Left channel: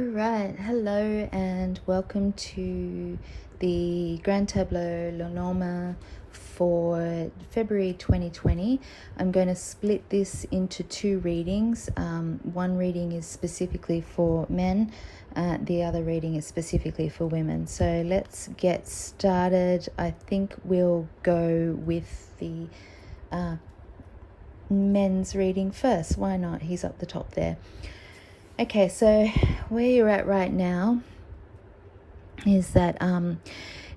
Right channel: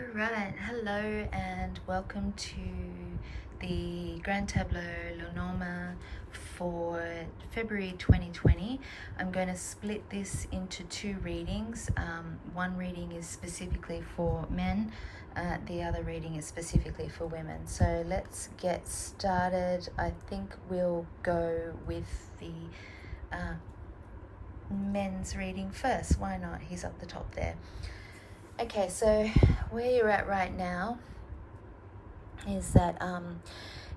Alright, hello and welcome to the Grand Tableau Lenormand for February 2020. I'm going to split this into two readings. One reading is specifically for men, the other reading is specifically for women. So let's get started. I think we'll go with the men's reading first. Why not? He's up the top there. Okay, so where you're at right now is that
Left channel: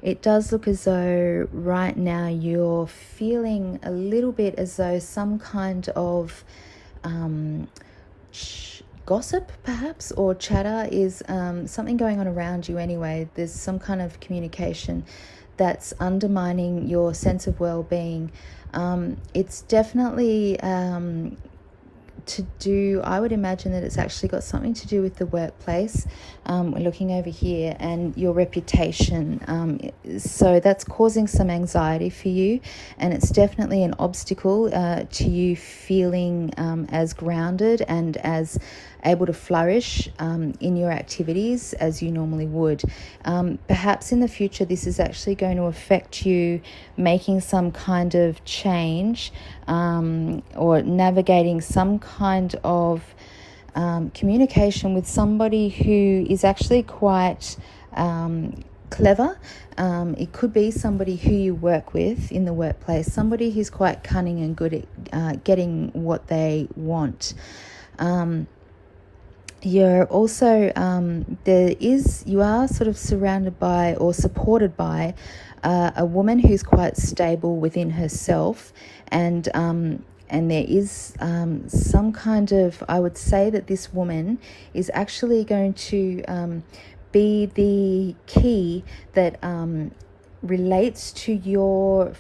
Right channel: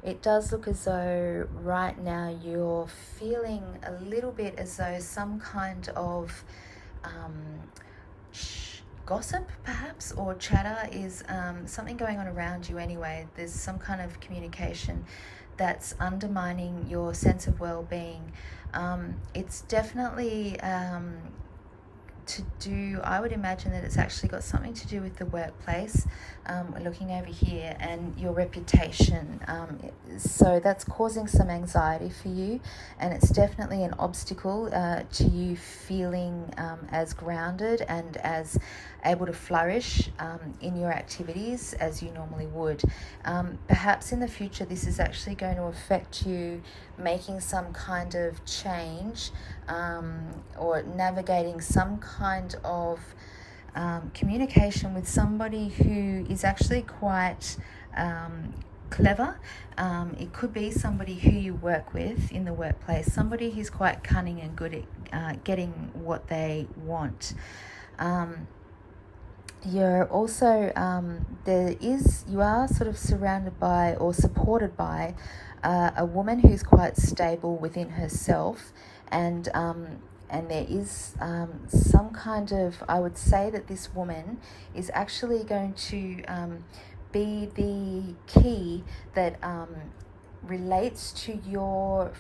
it does look as though right now you're feeling a little bit as though some kind of gossip perhaps or chatter is something going on around you anyway. There's some kind of communication that's undermining your sense of well-being. It's definitely I would imagine that it's actually got something to do with the workplace. We're looking over here, and your reputation. So that's causing some anxiety for you, and it's definitely an obstacle to you feeling as grounded and as able to flourish in your activities as you normally would. Perhaps in the future this is actually going to affect you making some kind of change or navigating some kind of communication with somebody who is actually quite clever. It could be somebody who you work with in the workplace, somebody who's quite cunning and good at getting what they want. You're also you are sort of surrounded by or supported by a woman who's quite stable within herself, and there is some kind of, I would say that this woman is actually going to be the key that relates to your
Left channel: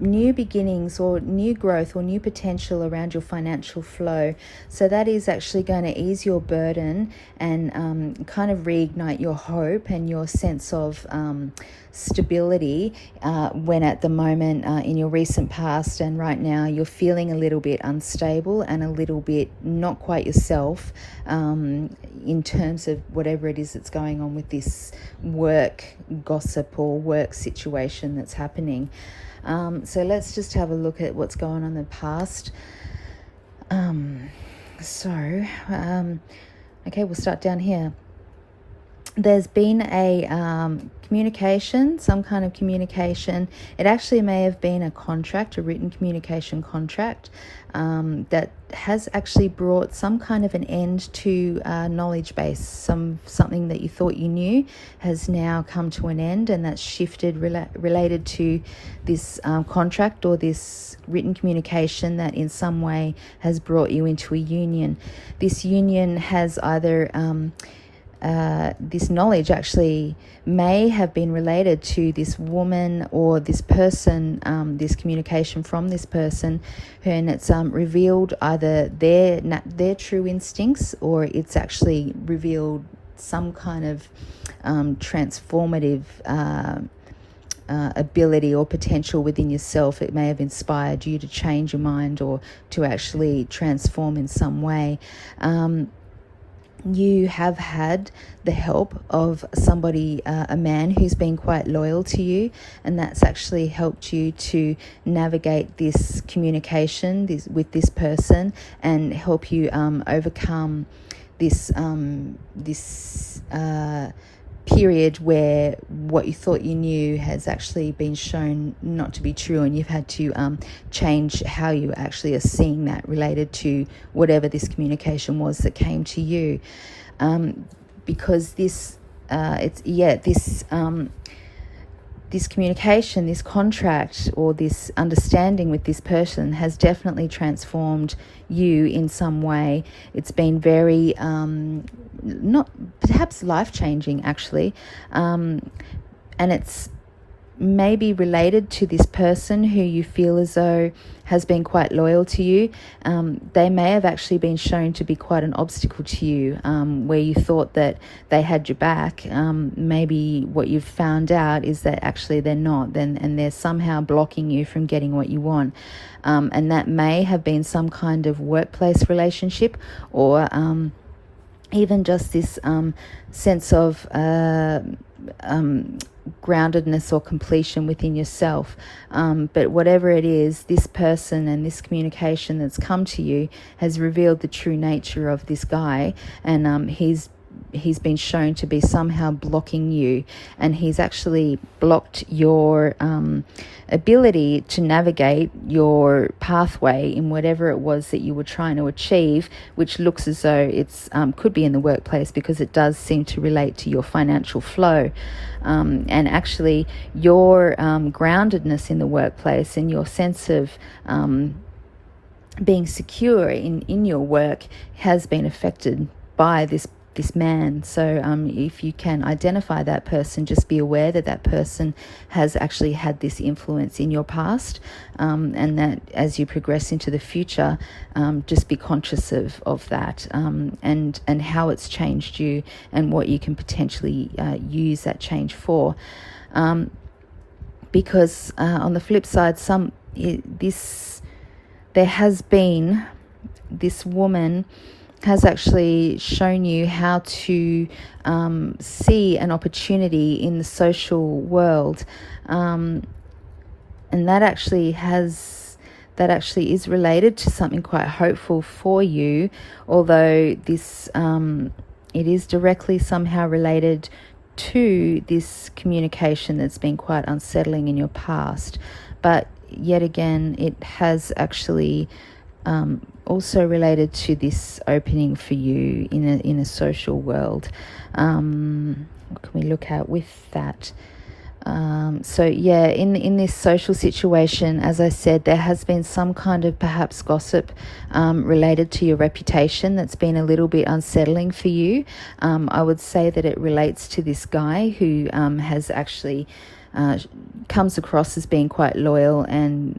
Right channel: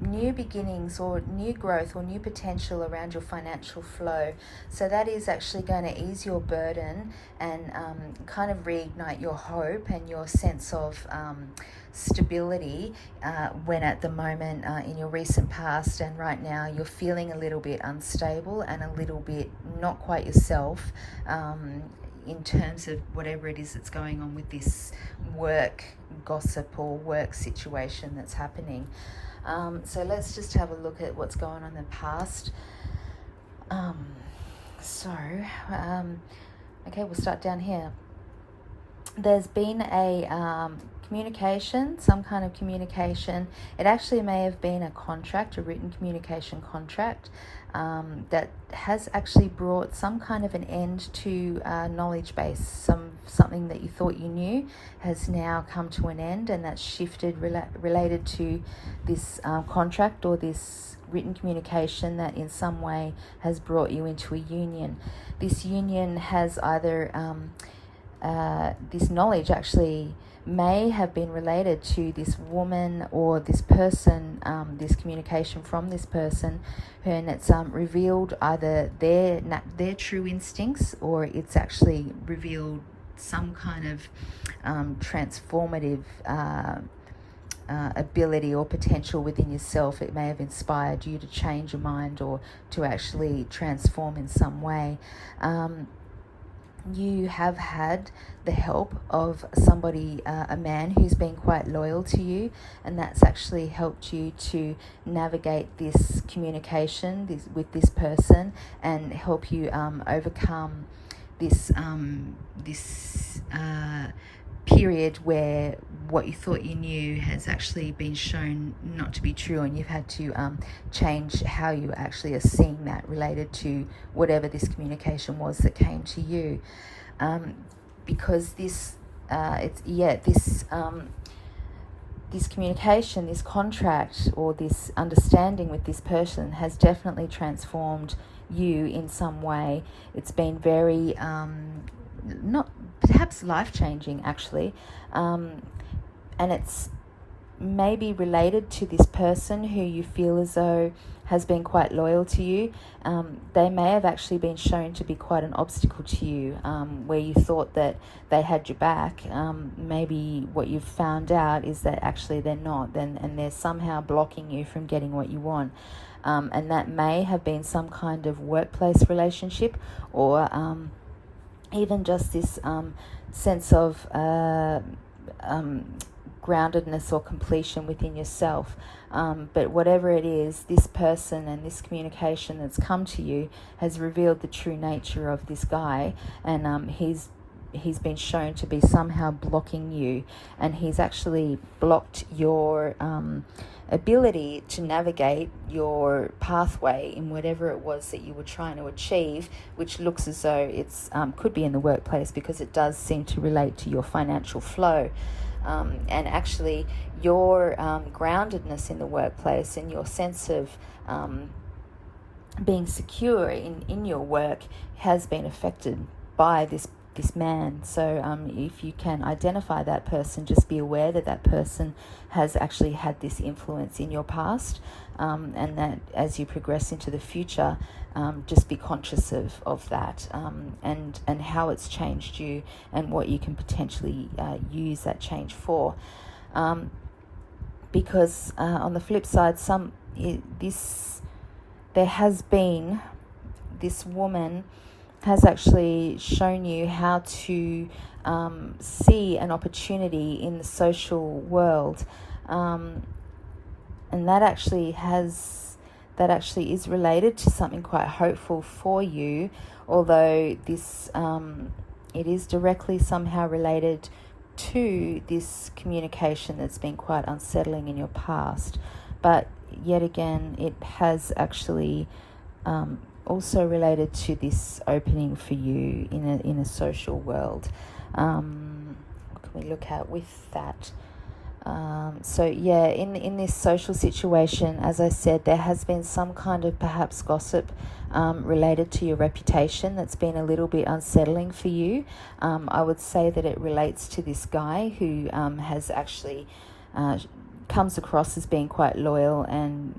new beginnings or new growth or new potential around your financial flow. So that is actually going to ease your burden and kind of reignite your hope and your sense of stability when at the moment in your recent past and right now you're feeling a little bit unstable and a little bit not quite yourself in terms of whatever it is that's going on with this work gossip or work situation that's happening. So let's just have a look at what's going on in the past. Okay, we'll start down here. There's been a communication, some kind of communication. It actually may have been a contract, a written communication contract, that has actually brought some kind of an end to knowledge base. Something that you thought you knew has now come to an end, and that's shifted related to this contract or this written communication that in some way has brought you into a union. This union has either this knowledge actually may have been related to this woman or this person, this communication from this person, and it's revealed either their true instincts, or it's actually revealed some kind of transformative ability or potential within yourself. It may have inspired you to change your mind or to actually transform in some way. You have had the help of somebody, a man who's been quite loyal to you, and that's actually helped you to navigate this communication with this person and help you overcome this period where what you thought you knew has actually been shown not to be true, and you've had to change how you actually are seeing that related to whatever this communication was that came to you, because this communication, this contract or this understanding with this person has definitely transformed you in some way. It's been very not perhaps life-changing actually, and it's maybe related to this person who you feel as though has been quite loyal to you. They may have actually been shown to be quite an obstacle to you, where you thought that they had your back. Maybe what you've found out is that actually they're not, and they're somehow blocking you from getting what you want. And that may have been some kind of workplace relationship, or even just this sense of groundedness or completion within yourself. But whatever it is, this person and this communication that's come to you has revealed the true nature of this guy, and he's been shown to be somehow blocking you, and he's actually blocked your ability to navigate your pathway in whatever it was that you were trying to achieve, which looks as though it's could be in the workplace, because it does seem to relate to your financial flow, and actually your groundedness in the workplace and your sense of being secure in your work has been affected by this man. So if you can identify that person, just be aware that that person has actually had this influence in your past, and that as you progress into the future, just be conscious of that, and how it's changed you, and what you can potentially use that change for, because on the flip side, there has been this woman has actually shown you how to see an opportunity in the social world, and that actually is related to something quite hopeful for you, although this it is directly somehow related to this communication that's been quite unsettling in your past. But yet again, it has actually also related to this opening for you in a social world. What can we look at with that? So yeah, in this social situation, as I said, there has been some kind of perhaps gossip related to your reputation that's been a little bit unsettling for you. I would say that it relates to this guy who has actually comes across as being quite loyal and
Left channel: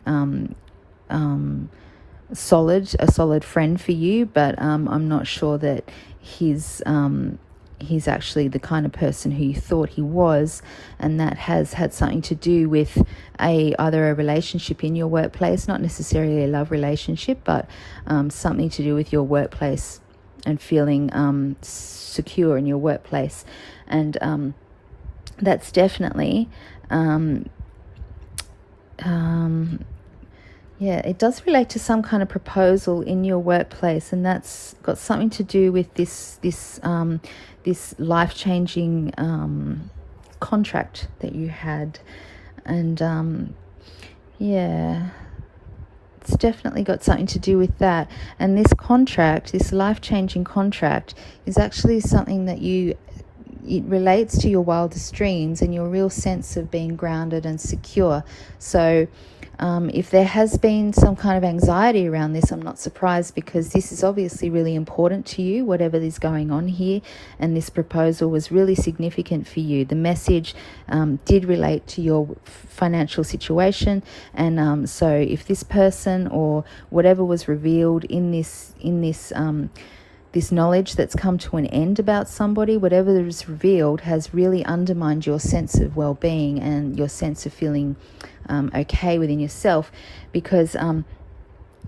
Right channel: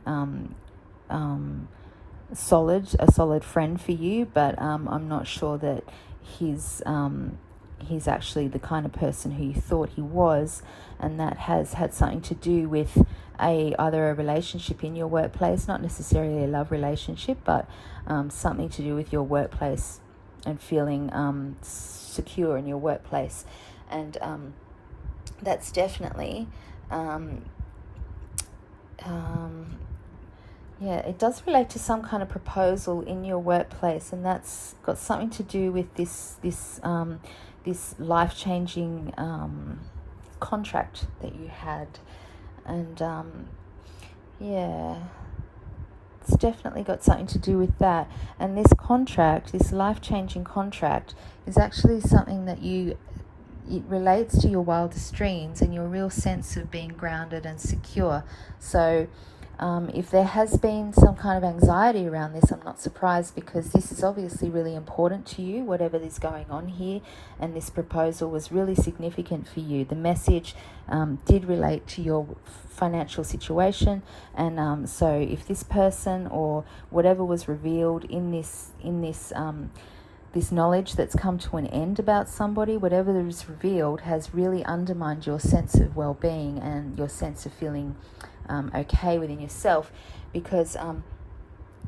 a solid friend for you, but I'm not sure that he's actually the kind of person who you thought he was, and that has had something to do with either a relationship in your workplace, not necessarily a love relationship, but something to do with your workplace and feeling secure in your workplace, and that's definitely yeah, it does relate to some kind of proposal in your workplace, and that's got something to do with this life-changing contract that you had, and yeah, it's definitely got something to do with that. And this contract, this life-changing contract, is actually something that it relates to your wildest dreams and your real sense of being grounded and secure. So if there has been some kind of anxiety around this, I'm not surprised, because this is obviously really important to you, whatever is going on here, and this proposal was really significant for you. The message did relate to your financial situation, and so if this person or whatever was revealed in this this knowledge that's come to an end about somebody, whatever is revealed has really undermined your sense of well-being and your sense of feeling okay within yourself, because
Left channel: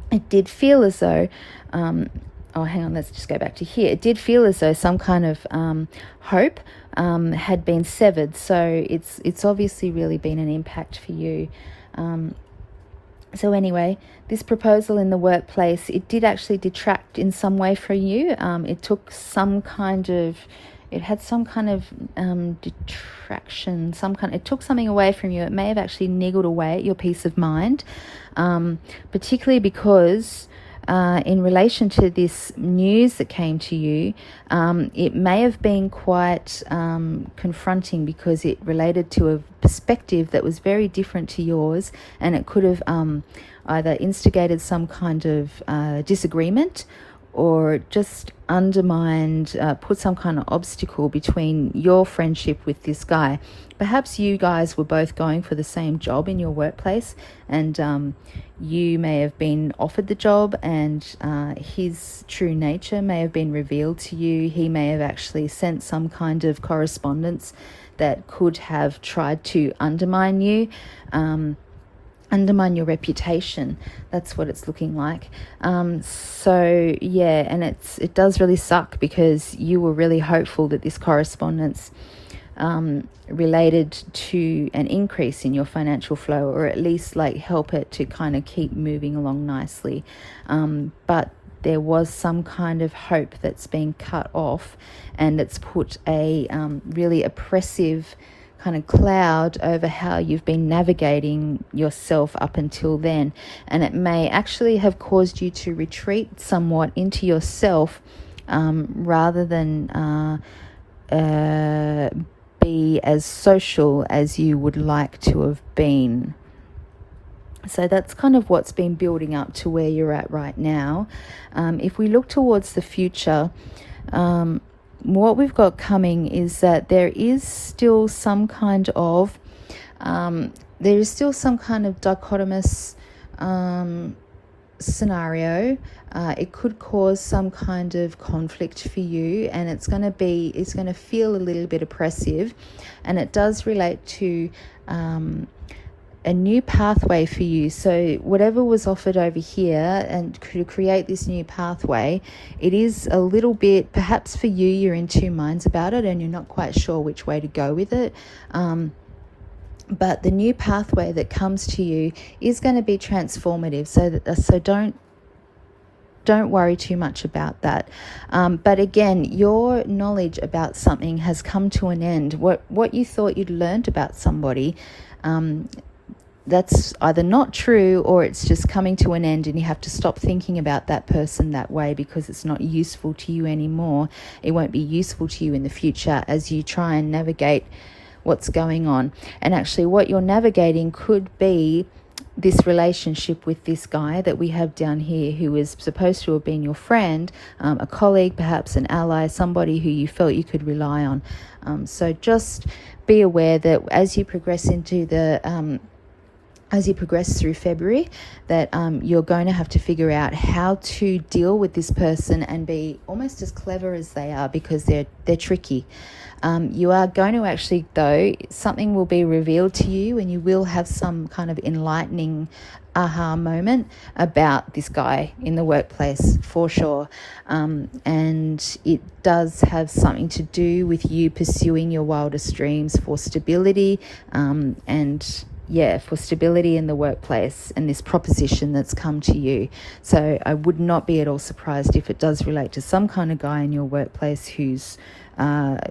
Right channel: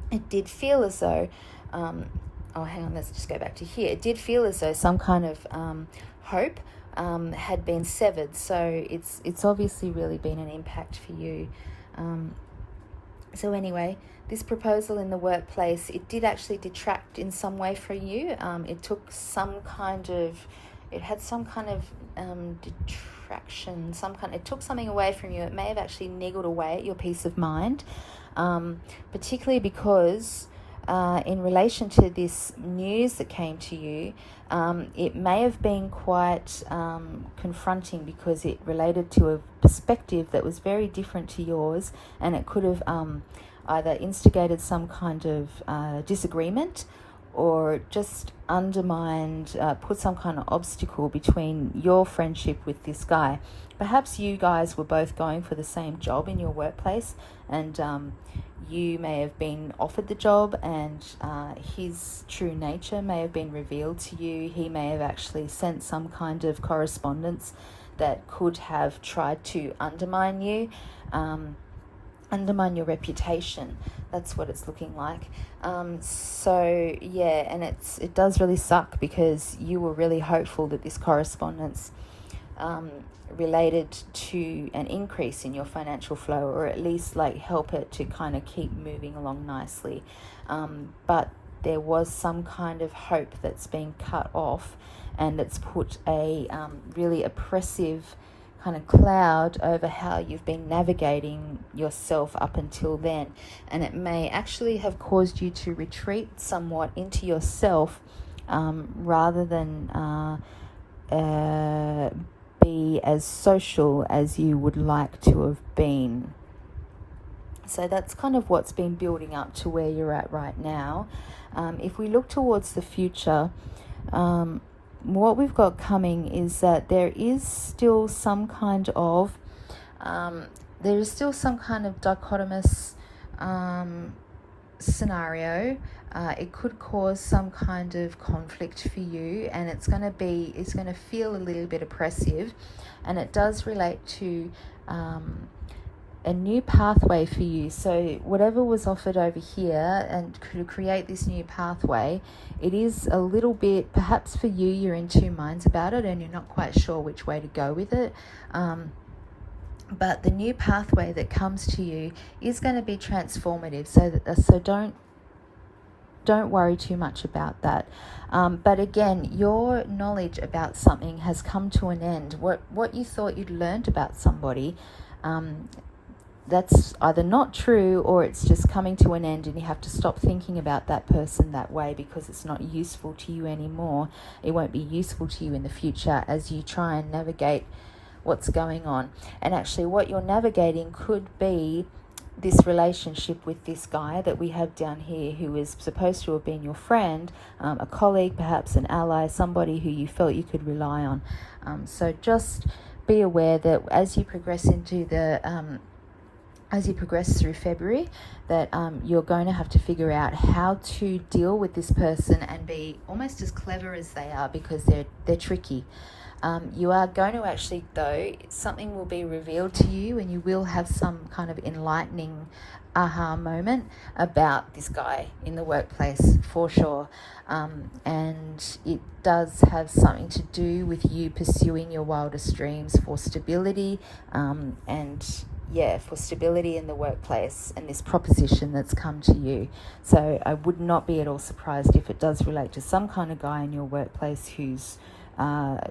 it did feel as though oh, hang on, let's just go back to here. It did feel as though some kind of hope had been severed, so it's obviously really been an impact for you. So anyway, this proposal in the workplace, it did actually detract in some way from you. It took some kind of, it had some kind of detraction, it took something away from you. It may have actually niggled away at your peace of mind, particularly because in relation to this news that came to you, it may have been quite confronting, because it related to a perspective that was very different to yours, and it could have either instigated some kind of disagreement, or just undermined, put some kind of obstacle between your friendship with this guy. Perhaps you guys were both going for the same job in your workplace, and you may have been offered the job, and his true nature may have been revealed to you. He may have actually sent some kind of correspondence that could have tried to undermine you. undermine your reputation. That's what it's looking like. So yeah, and it does really suck, because you were really hopeful that this correspondence related to an increase in your financial flow, or at least like help it to kind of keep moving along nicely. But there was some kind of hope that's been cut off, and it's put a really oppressive kind of cloud over how you've been navigating yourself up until then. And it may actually have caused you to retreat somewhat into yourself, rather than be as social as you would like to have been. So that's kind of what's been building up to where you're at right now. If we look towards the future, what we've got coming is that there is still some kind of dichotomous scenario. It could cause some kind of conflict for you, and it's going to feel a little bit oppressive, and it does relate to a new pathway for you. So whatever was offered over here, and to create this new pathway, it is a little bit, perhaps for you, you're in two minds about it and you're not quite sure which way to go with it. But the new pathway that comes to you is going to be transformative. So don't worry too much about that. But again, your knowledge about something has come to an end. What you thought you'd learned about somebody, that's either not true, or it's just coming to an end, and you have to stop thinking about that person that way, because it's not useful to you anymore. It won't be useful to you in the future as you try and navigate what's going on. And actually what you're navigating could be this relationship with this guy that we have down here, who is supposed to have been your friend, a colleague, perhaps an ally, somebody who you felt you could rely on. So just be aware that as you progress through February, that you're going to have to figure out how to deal with this person and be almost as clever as they are, because they're tricky. You are going to actually, though, something will be revealed to you, and you will have some kind of enlightening aha moment about this guy in the workplace, for sure. And it does have something to do with you pursuing your wildest dreams for stability, for stability in the workplace, and this proposition that's come to you. So I would not be at all surprised if it does relate to some kind of guy in your workplace who's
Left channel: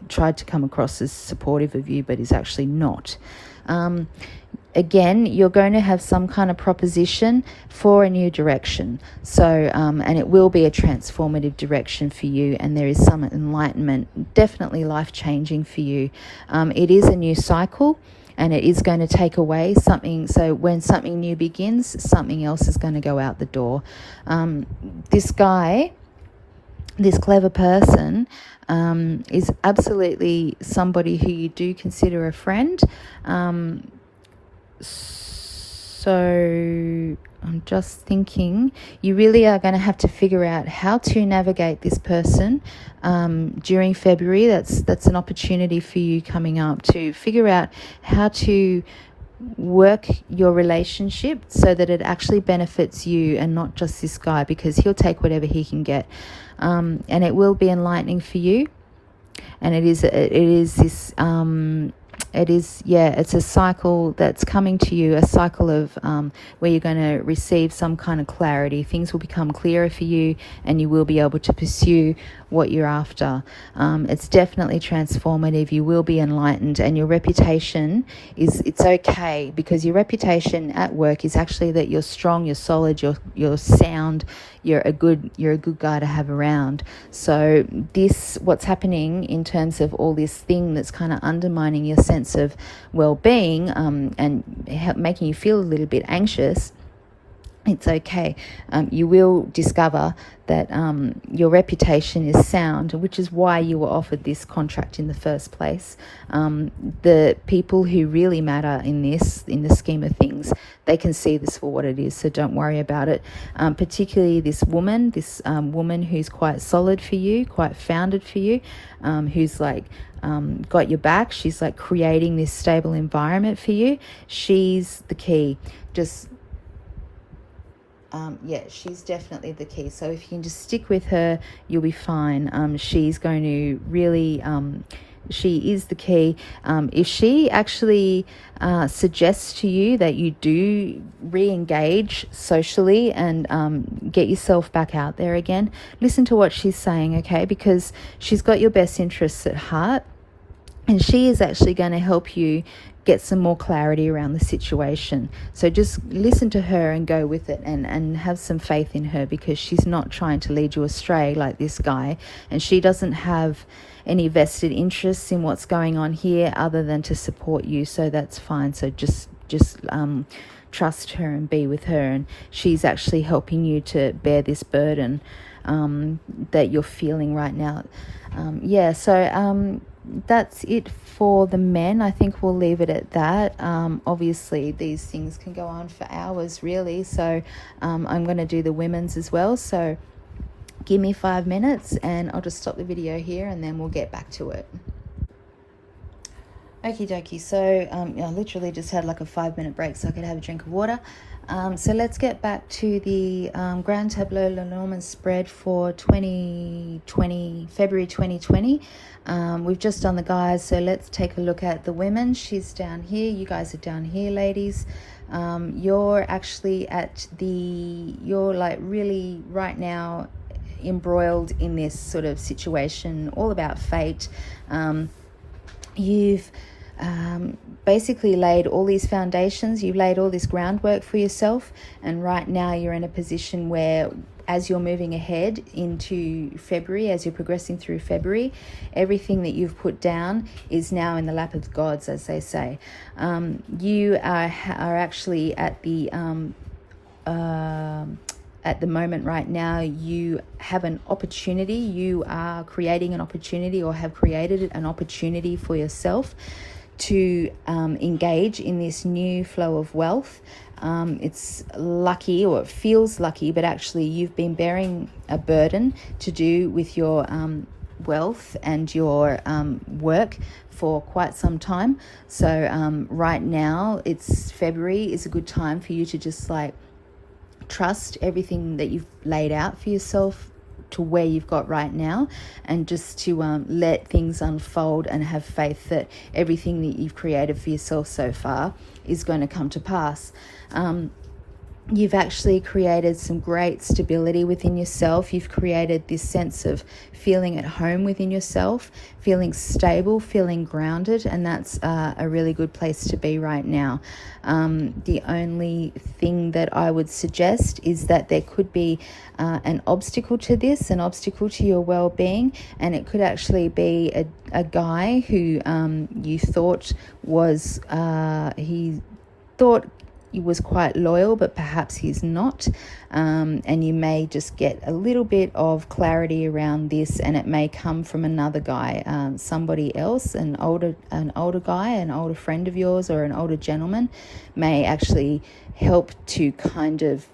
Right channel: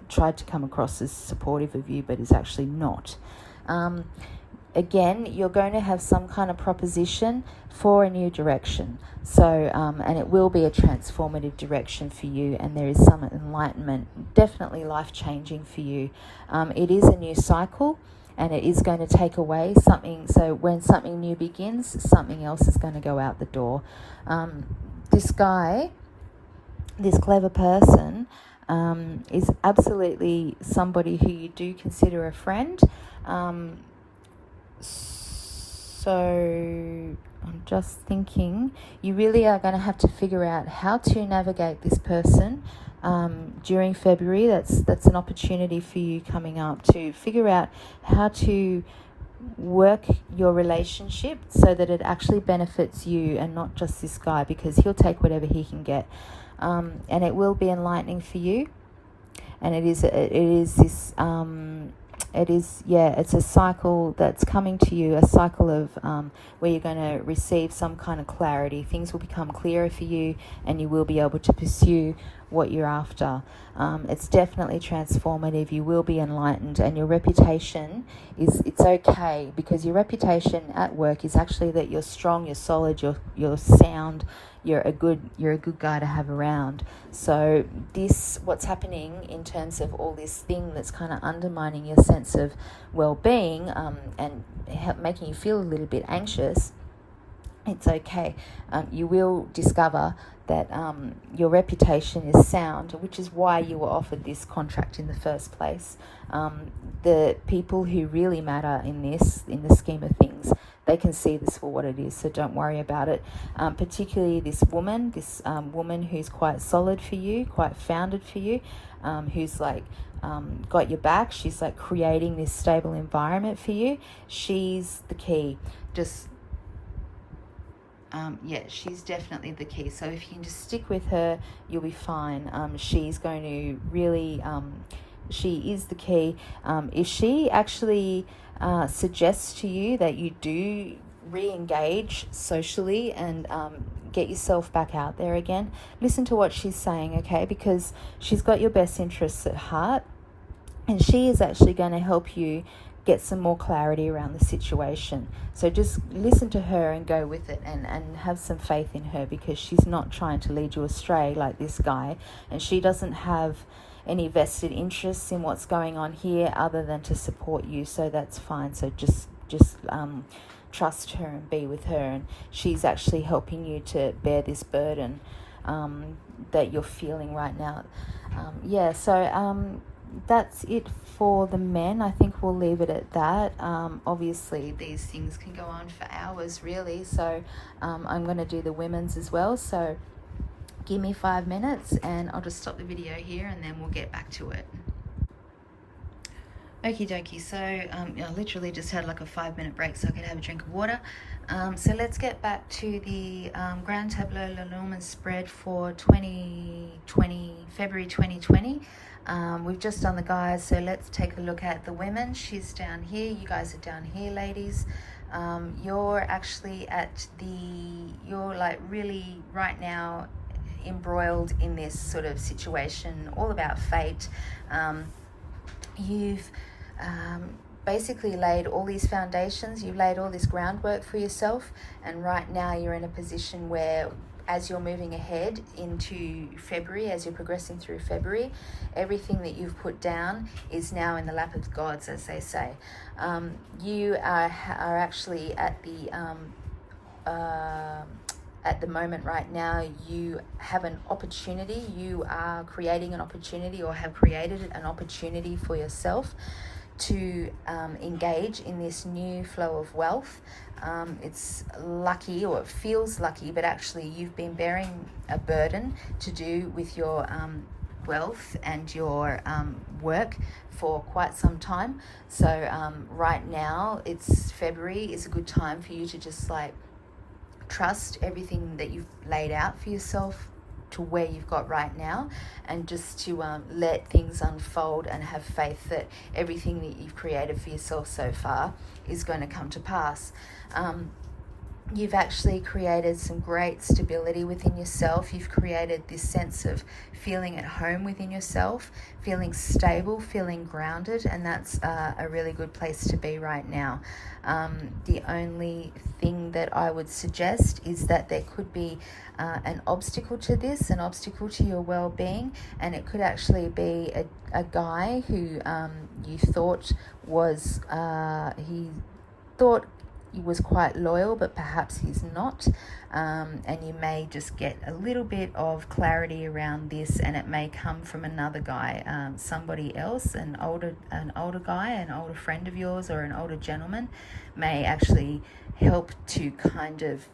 tried to come across as supportive of you, but is actually not. Again, you're going to have some kind of proposition for a new direction. So, and it will be a transformative direction for you, and there is some enlightenment, definitely life-changing for you. It is a new cycle, and it is going to take away something. So when something new begins, something else is going to go out the door. This guy, this clever person, is absolutely somebody who you do consider a friend. So I'm just thinking, you really are going to have to figure out how to navigate this person during February. That's an opportunity for you coming up, to figure out how to work your relationship so that it actually benefits you and not just this guy, because he'll take whatever he can get. And it will be enlightening for you. And it's a cycle that's coming to you, a cycle of where you're going to receive some kind of clarity. Things will become clearer for you, and you will be able to pursue what you're after. It's definitely transformative. You will be enlightened, and your reputation it's okay, because your reputation at work is actually that you're strong, you're solid, you're sound, you're a good guy to have around. So what's happening in terms of all this thing that's kind of undermining your sense of well-being, and making you feel a little bit anxious, It's okay. You will discover that your reputation is sound, which is why you were offered this contract in the first place. The people who really matter in the scheme of things, they can see this for what it is, so don't worry about it. Particularly this woman who's quite solid for you, quite founded for you, who's like got your back. She's like creating this stable environment for you. She's the key. Just she's definitely the key. So if you can just stick with her, you'll be fine. She's going to really, she is the key. If she actually suggests to you that you do re-engage socially and get yourself back out there again, listen to what she's saying, okay? Because she's got your best interests at heart, and she is actually going to help you get some more clarity around the situation. So just listen to her and go with it, and have some faith in her, because she's not trying to lead you astray like this guy, and she doesn't have any vested interests in what's going on here other than to support you. So that's fine. So just trust her and be with her, and she's actually helping you to bear this burden that you're feeling right now. That's it for the men. I think we'll leave it at that. Obviously these things can go on for hours really, so I'm going to do the women's as well. So give me 5 minutes and I'll just stop the video here, and then we'll get back to it. Okie dokie. So I literally just had like a 5-minute break so I could have a drink of water. So let's get back to the Grand Tableau Lenormand spread for February 2020. We've just done the guys, so let's take a look at the women. She's down here, you guys are down here, ladies. You're actually you're like really right now embroiled in this sort of situation, all about fate. You've basically laid all these foundations, you've laid all this groundwork for yourself, and right now you're in a position where, as you're moving ahead into February, as you're progressing through February, everything that you've put down is now in the lap of the gods, as they say. You are actually at the moment right now, you have an opportunity. You are creating an opportunity, or have created an opportunity for yourself to engage in this new flow of wealth. It's lucky, or it feels lucky, but actually you've been bearing a burden to do with your wealth and your work for quite some time. So right now, it's February, is a good time for you to just like trust everything that you've laid out for yourself to where you've got right now, and just to let things unfold and have faith that everything that you've created for yourself so far is going to come to pass. You've actually created some great stability within yourself. You've created this sense of feeling at home within yourself, feeling stable, feeling grounded, and that's a really good place to be right now. The only thing that I would suggest is that there could be an obstacle to this, an obstacle to your well-being, and it could actually be a guy who you thought was, he was quite loyal, but perhaps he's not, and you may just get a little bit of clarity around this, and it may come from another guy, somebody else, an older guy, an older friend of yours, or an older gentleman may actually help to kind of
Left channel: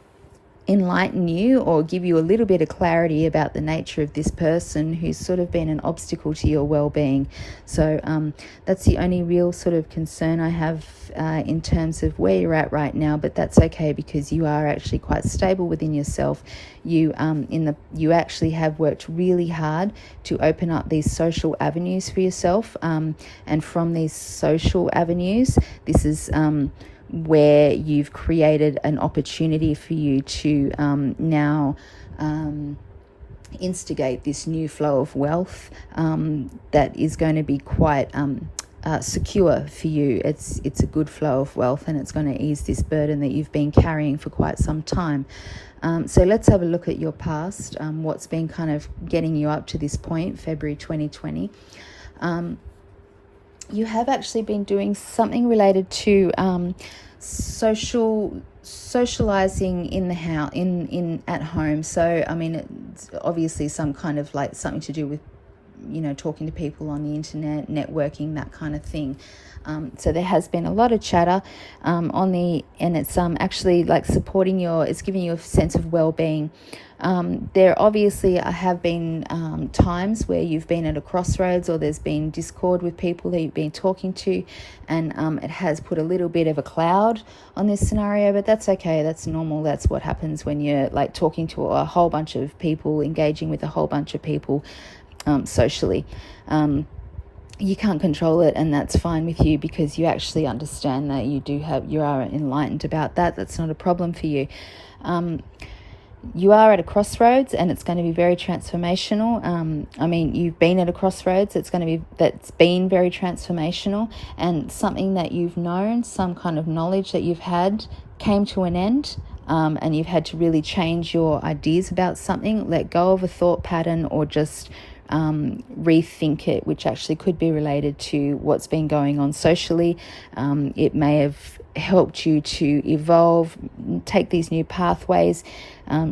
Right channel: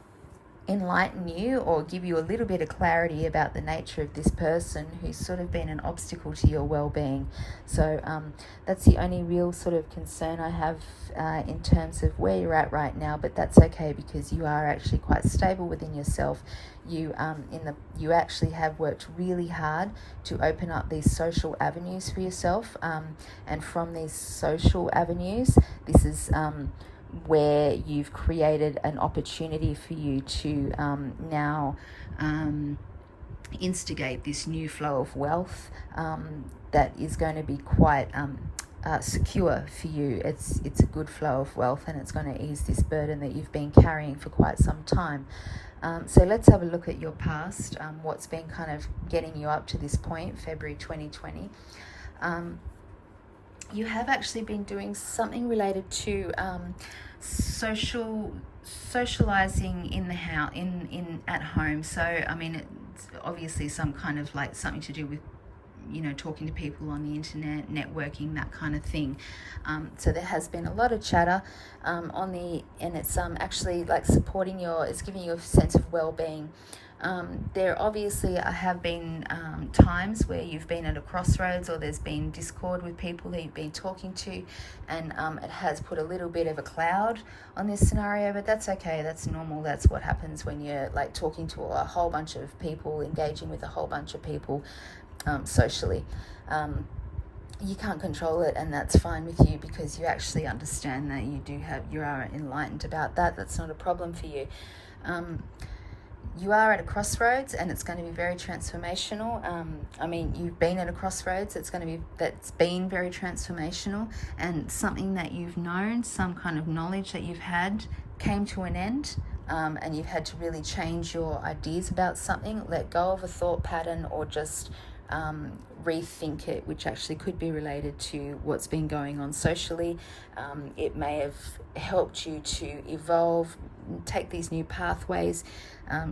enlighten you or give you a little bit of clarity about the nature of this person who's sort of been an obstacle to your well-being. So that's the only real sort of concern I have in terms of where you're at right now, but that's okay, because you are actually quite stable within yourself. You actually have worked really hard to open up these social avenues for yourself, and from these social avenues, this is where you've created an opportunity for you to now instigate this new flow of wealth that is going to be quite secure for you. It's a good flow of wealth, and it's going to ease this burden that you've been carrying for quite some time. So let's have a look at your past, what's been kind of getting you up to this point, February 2020. You have actually been doing something related to socializing in the house, in at home. So I mean, it's obviously some kind of like something to do with, talking to people on the internet, networking, that kind of thing. So there has been a lot of chatter and it's actually like it's giving you a sense of well-being. There obviously have been times where you've been at a crossroads, or there's been discord with people that you've been talking to, and it has put a little bit of a cloud on this scenario, but that's okay. That's normal. That's what happens when you're like talking to a whole bunch of people, engaging with a whole bunch of people socially. You can't control it, and that's fine with you, because you actually understand that you are enlightened about that. That's not a problem for you. You are at a crossroads, and it's going to be very transformational. You've been at a crossroads. That's been very transformational, and something that you've known, some kind of knowledge that you've had, came to an end. And you've had to really change your ideas about something, let go of a thought pattern, or just rethink it, which actually could be related to what's been going on socially. It may have helped you to evolve, take these new pathways,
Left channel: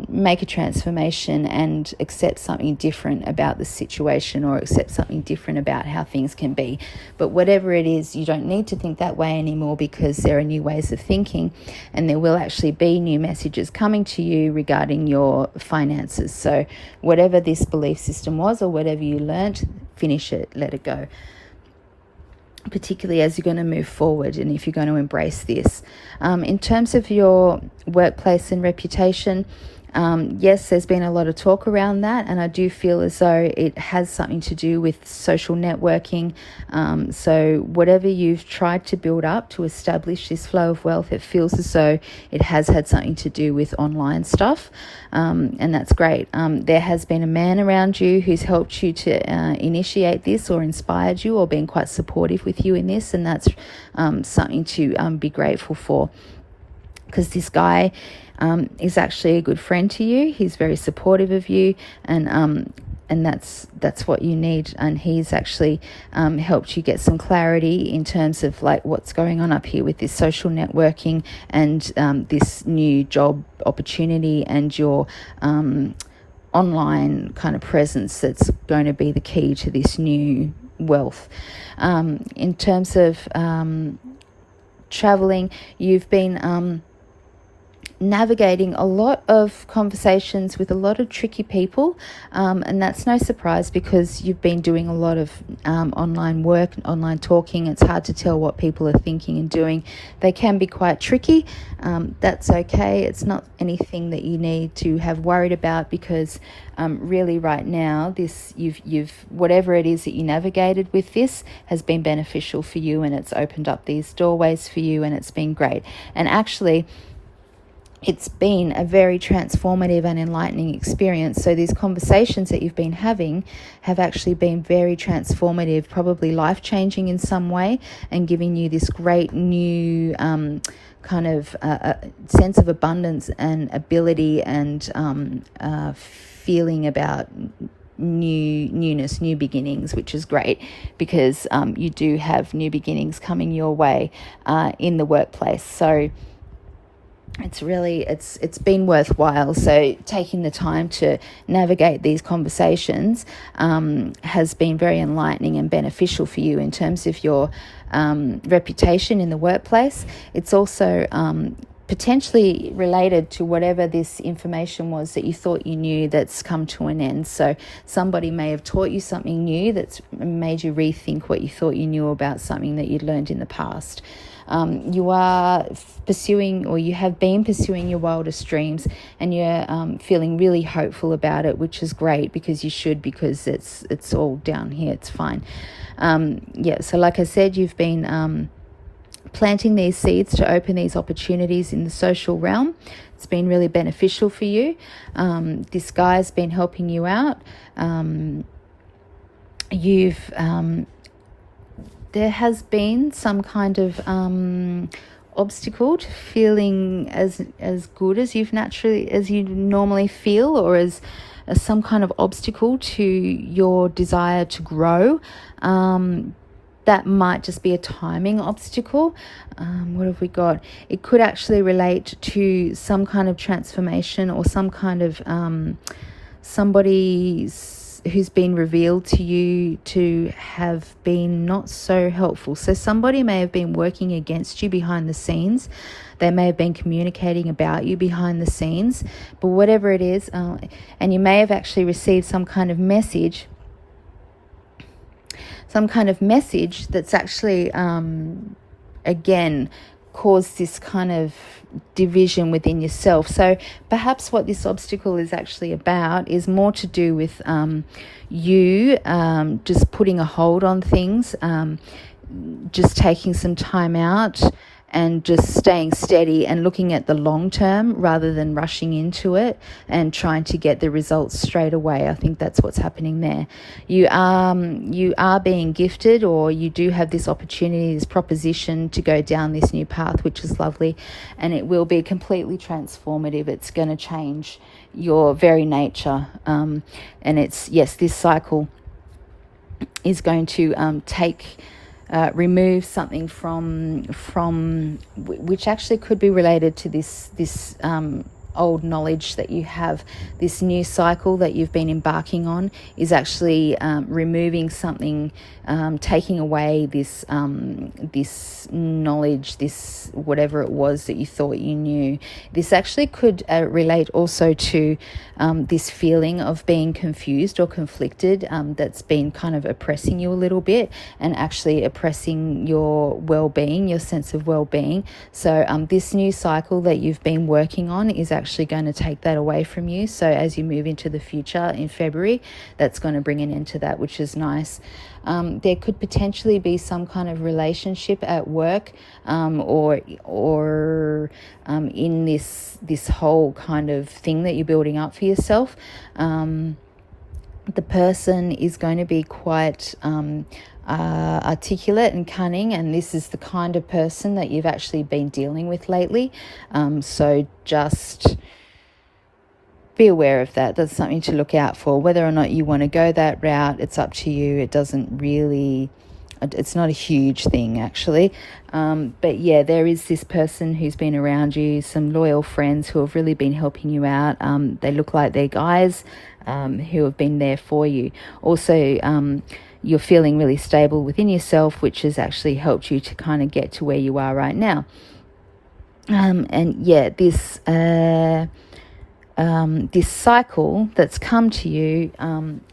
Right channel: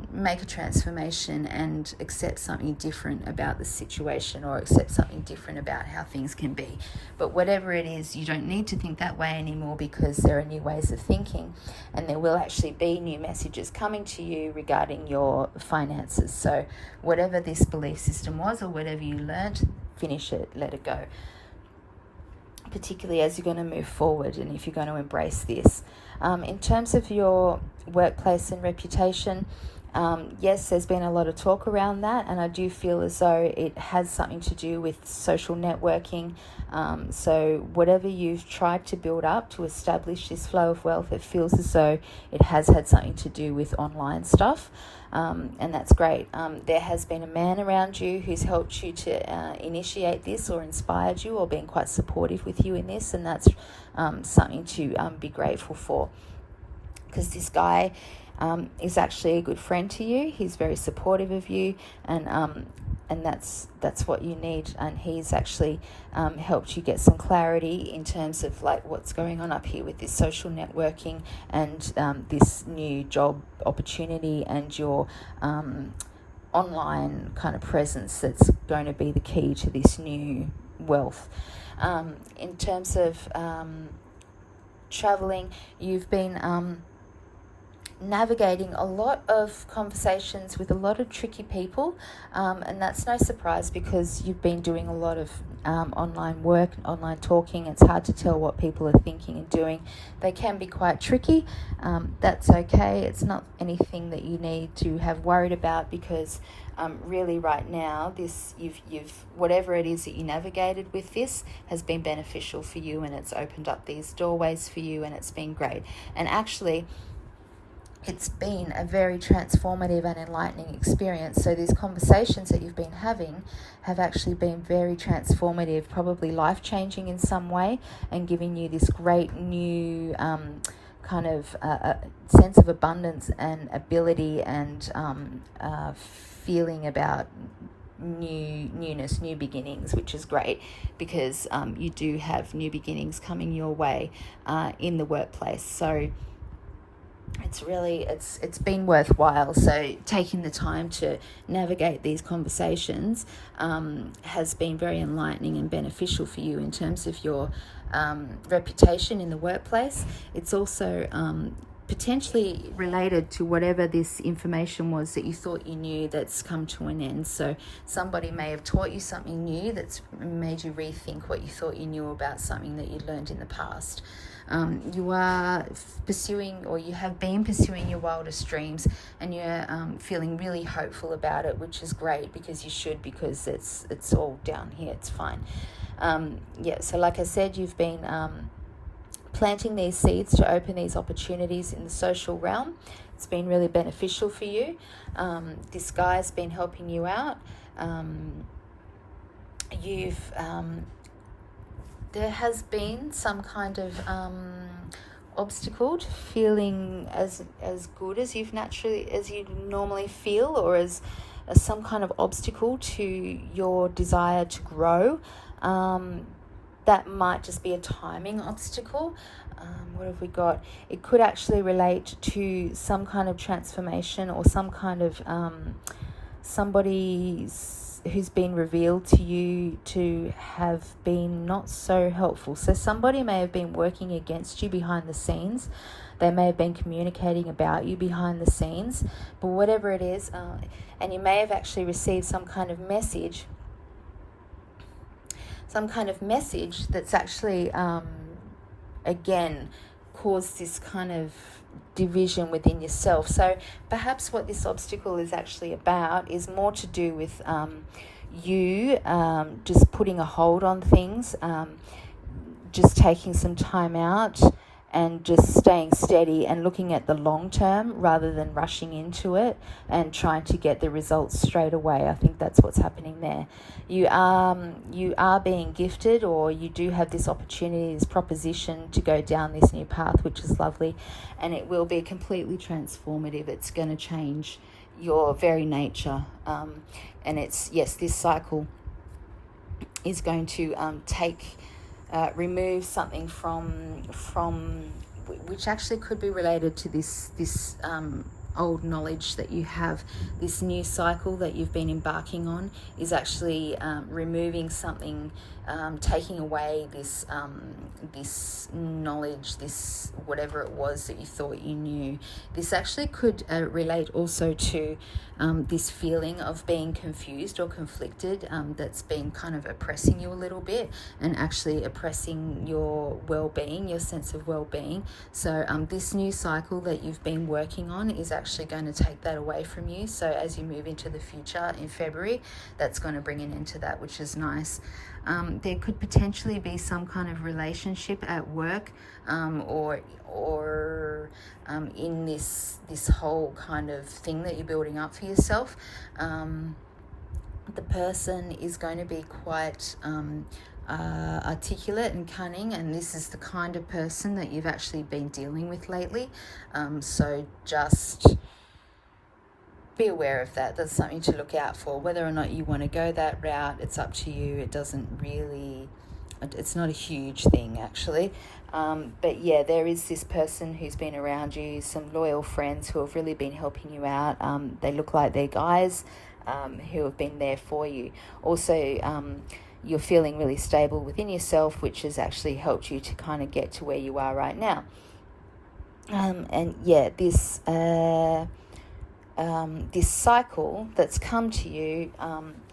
make a transformation, and accept something different about the situation, or accept something different about how things can be. But whatever it is, you don't need to think that way anymore, because there are new ways of thinking, and there will actually be new messages coming to you regarding your finances. So whatever this belief system was, or whatever you learnt, finish it, let it go, particularly as you're going to move forward and if you're going to embrace this. In terms of your workplace and reputation, yes, there's been a lot of talk around that, and I do feel as though it has something to do with social networking. So whatever you've tried to build up to establish this flow of wealth, it feels as though it has had something to do with online stuff, and that's great. There has been a man around you who's helped you to initiate this, or inspired you, or been quite supportive with you in this, and that's something to be grateful for, because this guy is actually a good friend to you. He's very supportive of you, and that's what you need. And he's actually helped you get some clarity in terms of like what's going on up here with this social networking, and this new job opportunity, and your online kind of presence that's going to be the key to this new wealth. In terms of traveling, you've been navigating a lot of conversations with a lot of tricky people, and that's no surprise, because you've been doing a lot of online work and online talking. It's hard to tell what people are thinking and doing. They can be quite tricky. That's okay. It's not anything that you need to have worried about, because really right now you've whatever it is that you navigated with this has been beneficial for you, and it's opened up these doorways for you, and it's been great. And actually, it's been a very transformative and enlightening experience. So these conversations that you've been having have actually been very transformative, probably life-changing in some way, and giving you this great new kind of sense of abundance and ability, and feeling about newness, new beginnings, which is great, because you do have new beginnings coming your way in the workplace. So it's been worthwhile. So taking the time to navigate these conversations has been very enlightening and beneficial for you in terms of your reputation in the workplace. It's also potentially related to whatever this information was that you thought you knew that's come to an end. So somebody may have taught you something new that's made you rethink what you thought you knew about something that you'd learned in the past. You are pursuing, or you have been pursuing, your wildest dreams, and you're feeling really hopeful about it, which is great, because you should, because it's all down here. It's fine. So like I said, you've been planting these seeds to open these opportunities in the social realm. It's been really beneficial for you. This guy's been helping you out. There has been some kind of obstacle to feeling as good as you normally feel, or as some kind of obstacle to your desire to grow. that might just be a timing obstacle. What have we got? It could actually relate to some kind of transformation or some kind of somebody who's been revealed to you to have been not so helpful. So somebody may have been working against you behind the scenes. They may have been communicating about you behind the scenes. But whatever it is, and you may have actually received some kind of message that's actually, again, caused this kind of division within yourself. So perhaps what this obstacle is actually about is more to do with you just putting a hold on things, just taking some time out and just staying steady and looking at the long term rather than rushing into it and trying to get the results straight away. I think that's what's happening there. You are being gifted, or you do have this opportunity, this proposition to go down this new path, which is lovely, and it will be completely transformative. It's going to change your very nature, and it's, yes, this cycle is going to remove something from which actually could be related to this old knowledge that you have. This new cycle that you've been embarking on is actually removing something, taking away this knowledge, this whatever it was that you thought you knew. This actually could relate also to this feeling of being confused or conflicted, that's been kind of oppressing you a little bit and actually oppressing your well-being, your sense of well-being. So this new cycle that you've been working on is actually going to take that away from you. So as you move into the future in February, that's going to bring an end to that, which is nice. There could potentially be some kind of relationship at work, or in this whole kind of thing that you're building up for yourself. The person is going to be quite articulate and cunning, and this is the kind of person that you've actually been dealing with lately. So just be aware of that. That's something to look out for. Whether or not you want to go that route, it's up to you. It doesn't really, it's not a huge thing actually. But yeah, there is this person who's been around you, some loyal friends who have really been helping you out. They look like they're guys who have been there for you. Also, you're feeling really stable within yourself, which has actually helped you to kind of get to where you are right now. And yeah, this cycle that's come to you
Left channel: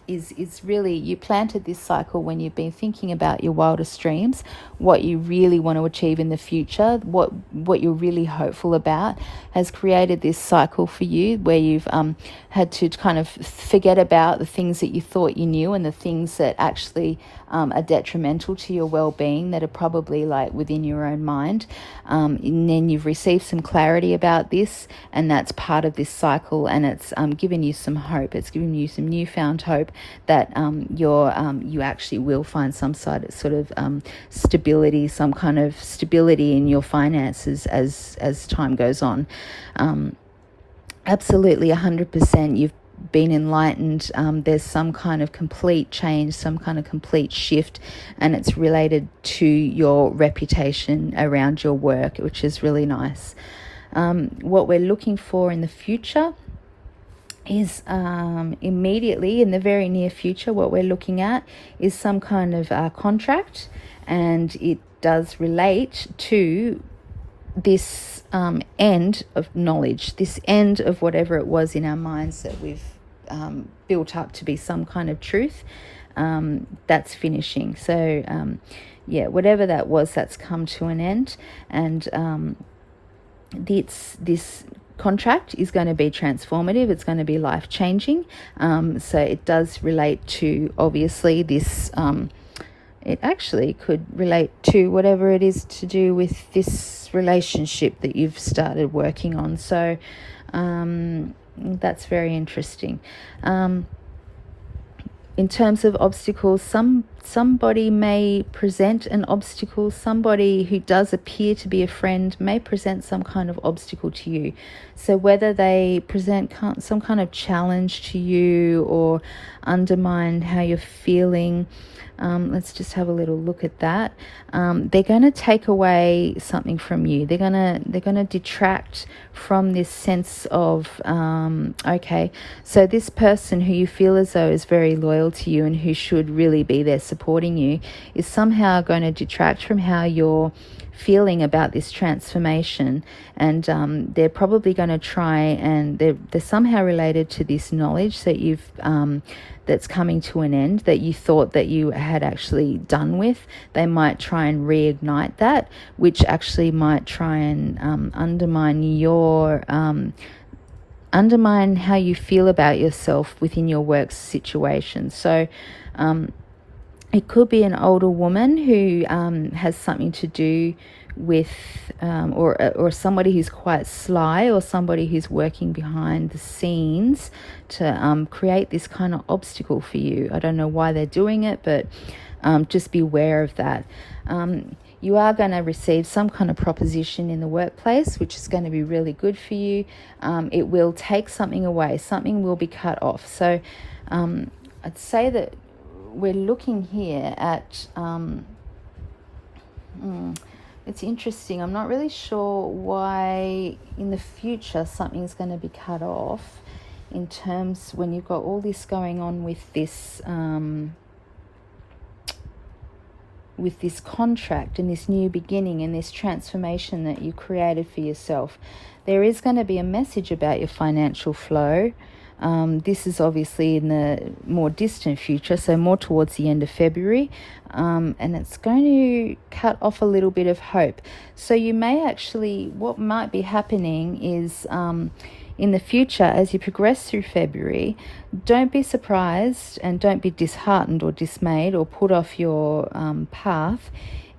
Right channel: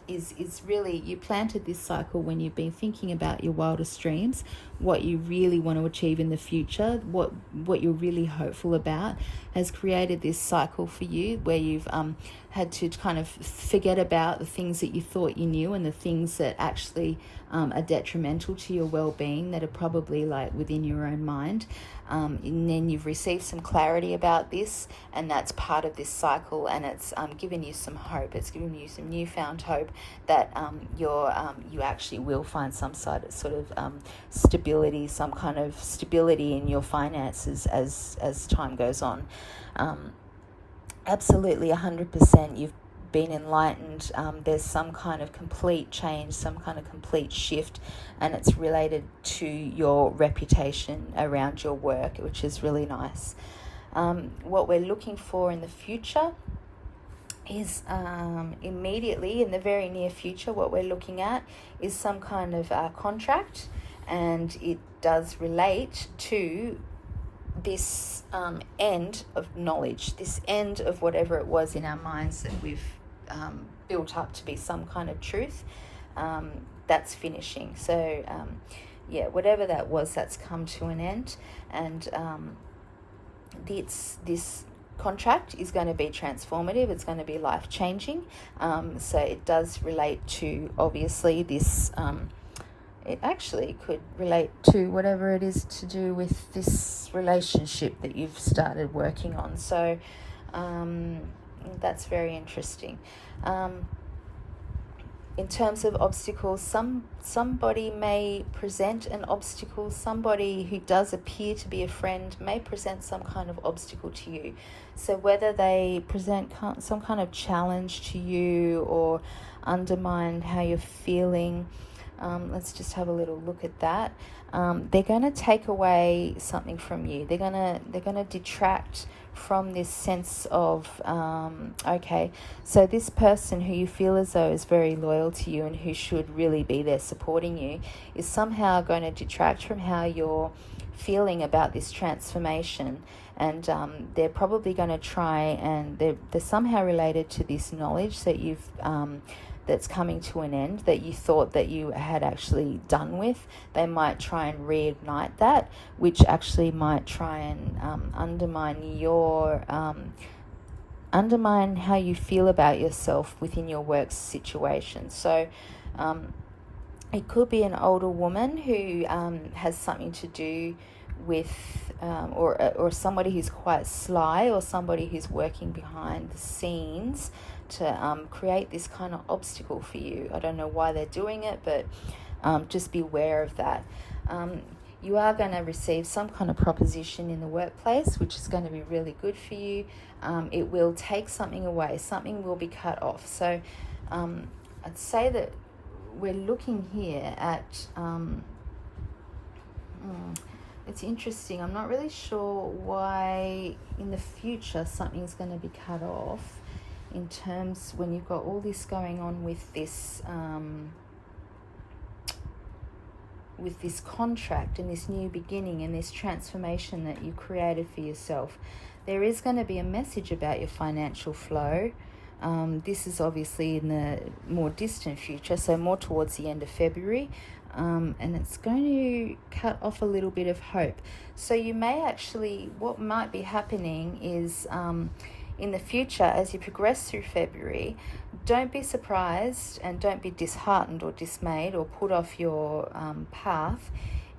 is really, you planted this cycle when you've been thinking about your wildest dreams, what you really want to achieve in the future, what you're really hopeful about, has created this cycle for you where you've had to kind of forget about the things that you thought you knew and the things that actually are detrimental to your well-being, that are probably like within your own mind. And then you've received some clarity about this, and that's part of this cycle, and it's given you some hope. It's given you some newfound hope that you actually will find some sort of stability, some kind of stability in your finances as time goes on. Absolutely 100%. You've been enlightened. There's some kind of complete change, some kind of complete shift, and it's related to your reputation around your work, which is really nice. What we're looking for in the future is immediately in the very near future, what we're looking at is some kind of contract, and it does relate to this end of knowledge, this end of whatever it was in our minds that we've built up to be some kind of truth. That's finishing. So yeah, whatever that was, that's come to an end, and this contract is going to be transformative. It's going to be life-changing. So it does relate to, obviously, this it actually could relate to whatever it is to do with this relationship that you've started working on. So that's very interesting. In terms of obstacles, somebody may present an obstacle. Somebody who does appear to be a friend may present some kind of obstacle to you. So whether they present some kind of challenge to you or undermine how you're feeling, Let's just have a little look at that. They're going to take away something from you. They're gonna detract from this sense of okay, so this person who you feel as though is very loyal to you and who should really be there supporting you is somehow going to detract from how you're feeling about this transformation, and they're probably going to try, and they're somehow related to this knowledge that you've that's coming to an end, that you thought that you had actually done with. They might try and reignite that, which actually might try and undermine how you feel about yourself within your work situation. So it could be an older woman who has something to do with or somebody who's quite sly, or somebody who's working behind the scenes to create this kind of obstacle for you. I don't know why they're doing it, but just be aware of that. You are going to receive some kind of proposition in the workplace, which is going to be really good for you. It will take something away. Something will be cut off. So I'd say that we're looking here at it's interesting. I'm not really sure why in the future something's going to be cut off, in terms when you've got all this going on with this contract and this new beginning and this transformation that you created for yourself. There is going to be a message about your financial flow. This is obviously in the more distant future, so more towards the end of February, and it's going to cut off a little bit of hope. So you may actually, what might be happening is in the future, as you progress through February, don't be surprised and don't be disheartened or dismayed or put off your path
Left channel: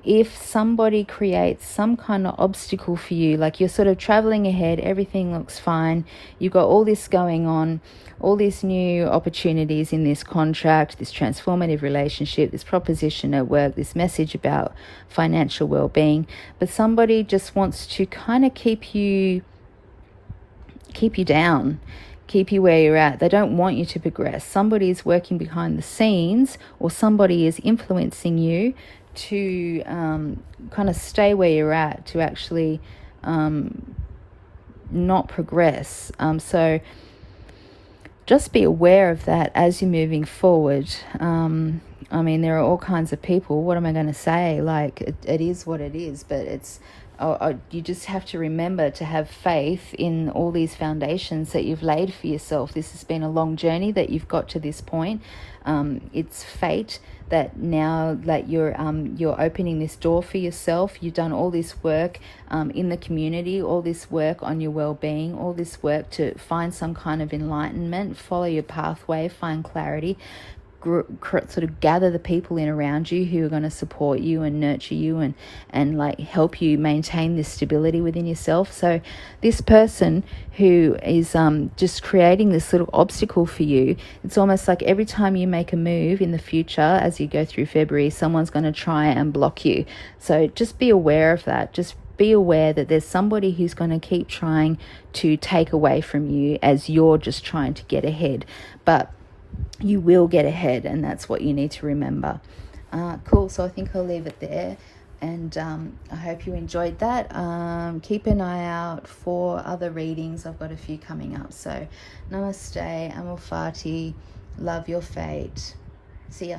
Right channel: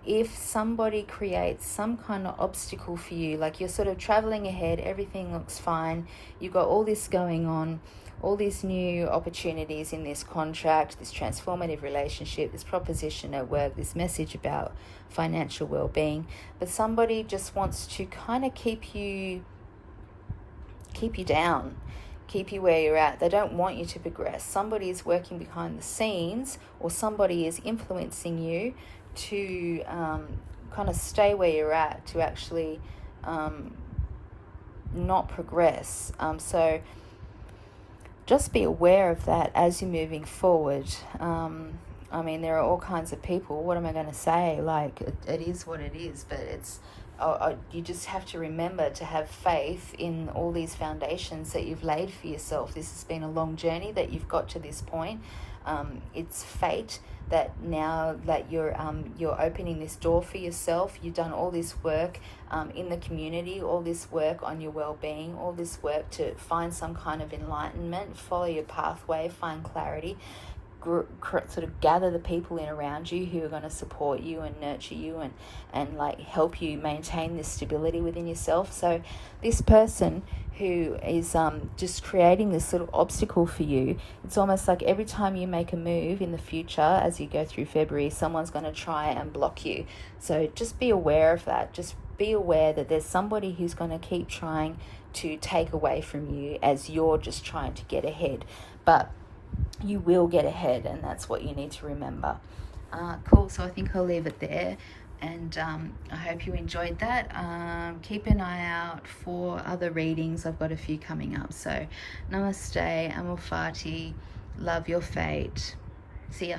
if somebody creates some kind of obstacle for you. Like you're sort of traveling ahead, everything looks fine, you've got all this going on, all these new opportunities in this contract, this transformative relationship, this proposition at work, this message about financial well-being, but somebody just wants to kind of keep you down, keep you where you're at. They don't want you to progress. Somebody is working behind the scenes, or somebody is influencing you to kind of stay where you're at, to actually not progress. So just be aware of that as you're moving forward. I mean, there are all kinds of people. What am I going to say? Like, it is what it is, but it's you just have to remember to have faith in all these foundations that you've laid for yourself. This has been a long journey that you've got to this point. It's fate that now that you're opening this door for yourself. You've done all this work in the community, all this work on your well-being, all this work to find some kind of enlightenment, follow your pathway, find clarity, sort of gather the people in around you who are going to support you and nurture you and like help you maintain this stability within yourself. So this person who is just creating this little obstacle for you, it's almost like every time you make a move in the future as you go through February, someone's going to try and block you. So just be aware of that. Just be aware that there's somebody who's going to keep trying to take away from you as you're just trying to get ahead. But you will get ahead, and that's what you need to remember. Cool. So I think I'll leave it there, and I hope you enjoyed that. Keep an eye out for other readings. I've got a few coming up. So namaste, Amal Fati, love your fate. See ya.